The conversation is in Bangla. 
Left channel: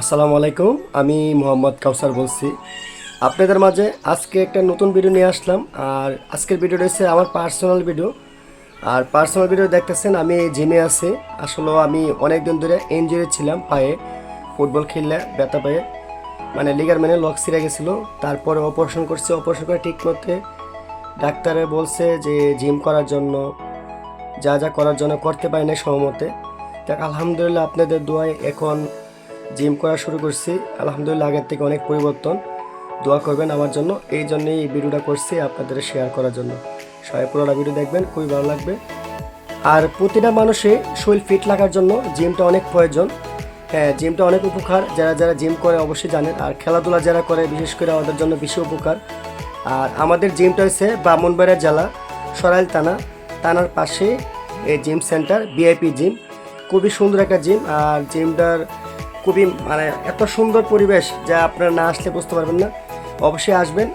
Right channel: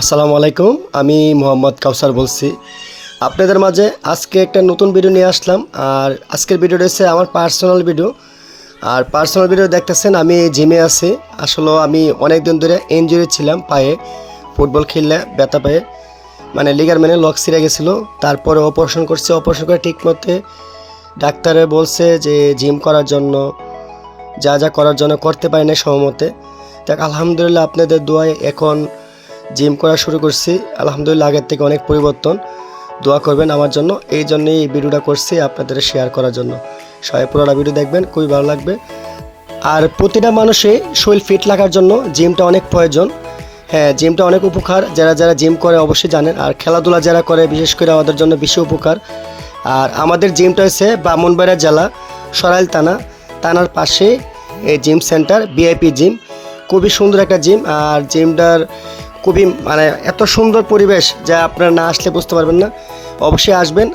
আসসালামু আলাইকুম, আমি মোহাম্মদ কাউসার বলছি। আপনাদের মাঝে আজকে একটা নতুন ভিডিও নিয়ে আসলাম, আর আজকের ভিডিওটা হচ্ছে আমার পার্সোনাল ভিডিও। আর পার্সোনাল ভিডিও দেখতেছেন, আমি জিমে আছি। আসলে আমি অনেক দিন ধরে ইঞ্জুরি ছিলাম পায়ে, ফুটবল খেললে ব্যথা পায়ে। মানে লিগার মেনে লক ছিঁড়ে গেছিল, তারপরে অপারেশন করছে অপারেশন করে ঠিক মতে ডাক্তারে বলছে যে জিম করার জন্য, যা যা করার জন্য করতে পারি না সময়মতে দেখ, আলহামদুলিল্লাহ আপনাদের দোয়ায় এখন জিম করা শুরু করছি। আলহামদুলিল্লাহ আগের থেকে অনেক পরিবর্তন। দোয়া করবেন আমার জন্য। এই জন্যই এই ভিডিওটা করছি আপনাদের শেয়ার করার জন্য। সবাই পুরোটা ভিডিও দেখবেন, খুবই ভালো লাগবে। আর প্রতিটা মানুষে শরীর ফিট লাগার জন্য জিমটা অনেক প্রয়োজন। হ্যাঁ জিমটা অনেক উপকার। যারা যারা জিম করে অবশ্যই জানেন। আর খেলাধুলা যারা করে, বিশেষ করে আমাদের জন্য বেশি উপকার। আর আমাদের জিমটা হচ্ছে ব্রাহ্মণবাড়িয়া জেলা, সরাইল থানা। থানার পাশে এই জিম সেন্টার বিআইপি জিম খুবই সুন্দর একটা জিম আর জিমটার খুবই মানে এত সুন্দর পরিবেশ যা আপনারা না আসলে বুঝতে পারবেন না। অবশ্যই আসবেন।